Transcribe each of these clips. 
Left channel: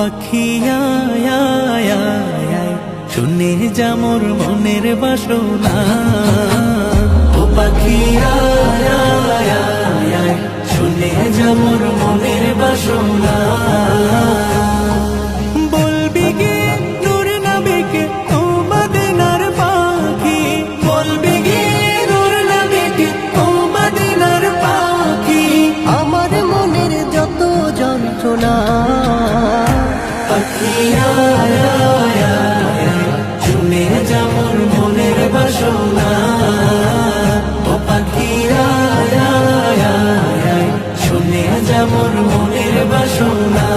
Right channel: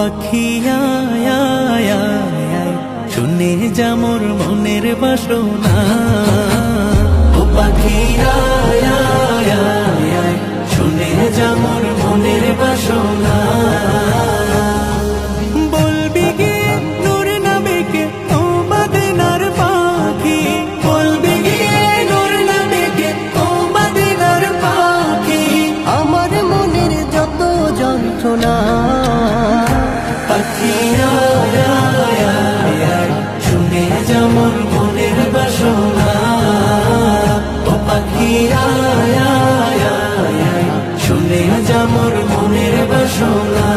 পাখি আয় আয় আয় আয়, শুনে যা মোর মনের বাসনা। ও পাখি আয় আয় আয় আয়, শুনে যা মোর মনের বাসনা। বলবি গিয়ে নূর নবীকে ও মদিনার পাখি, বলবি গিয়ে নূর নবীকে ও মদিনার পাখি। আমার মনের যত যন্ত্রণা, পাখি আয় আয় আয় আয়, শুনে যা মোর মনের বাসনা। ও পাখি আয় আয় আয় আয়, শুনে যা মোর মনের বাসনা।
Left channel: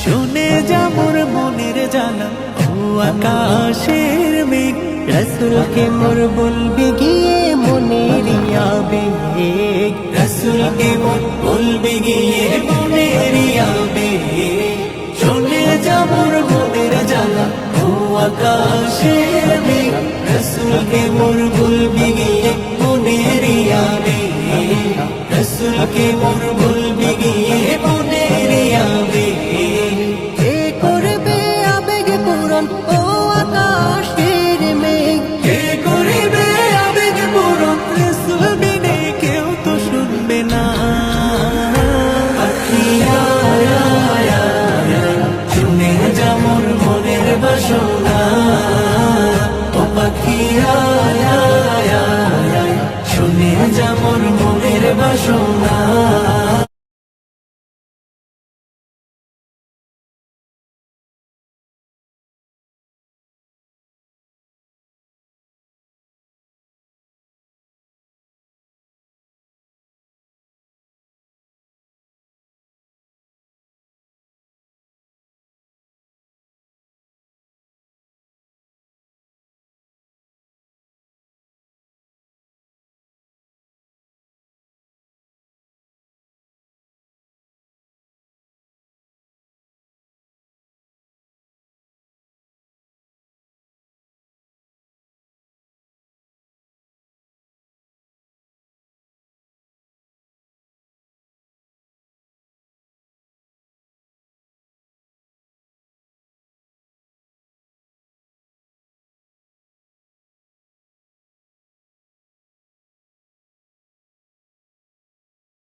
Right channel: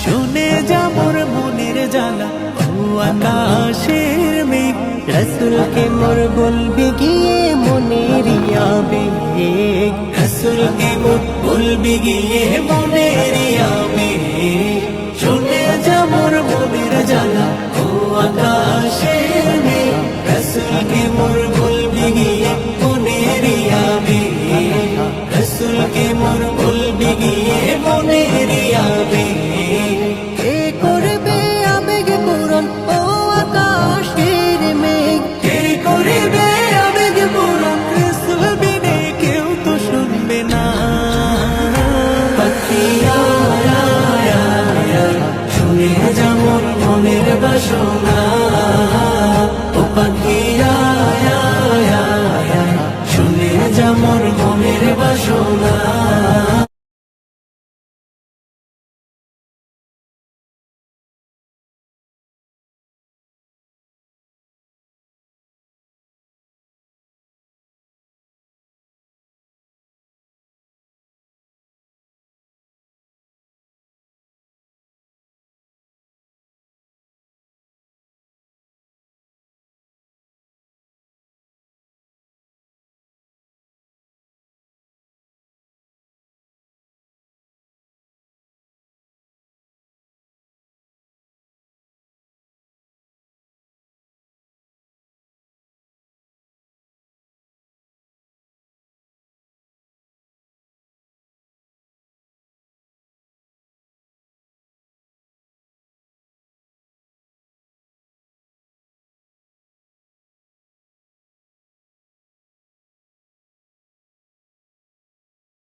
শুনে যা মোর মনের জ্বালা ও আকাশের মেঘ, রসুলকে মোর বলবি গিয়ে মনের আবেগ। রসুলকে মোর বলবি গিয়ে মনের আবেগ। শুনে যা মোর মনের জ্বালা ও আকাশের মেঘ, রসুলকে মোর বলবি গিয়ে মনের আবেগ। রসুলকে মোর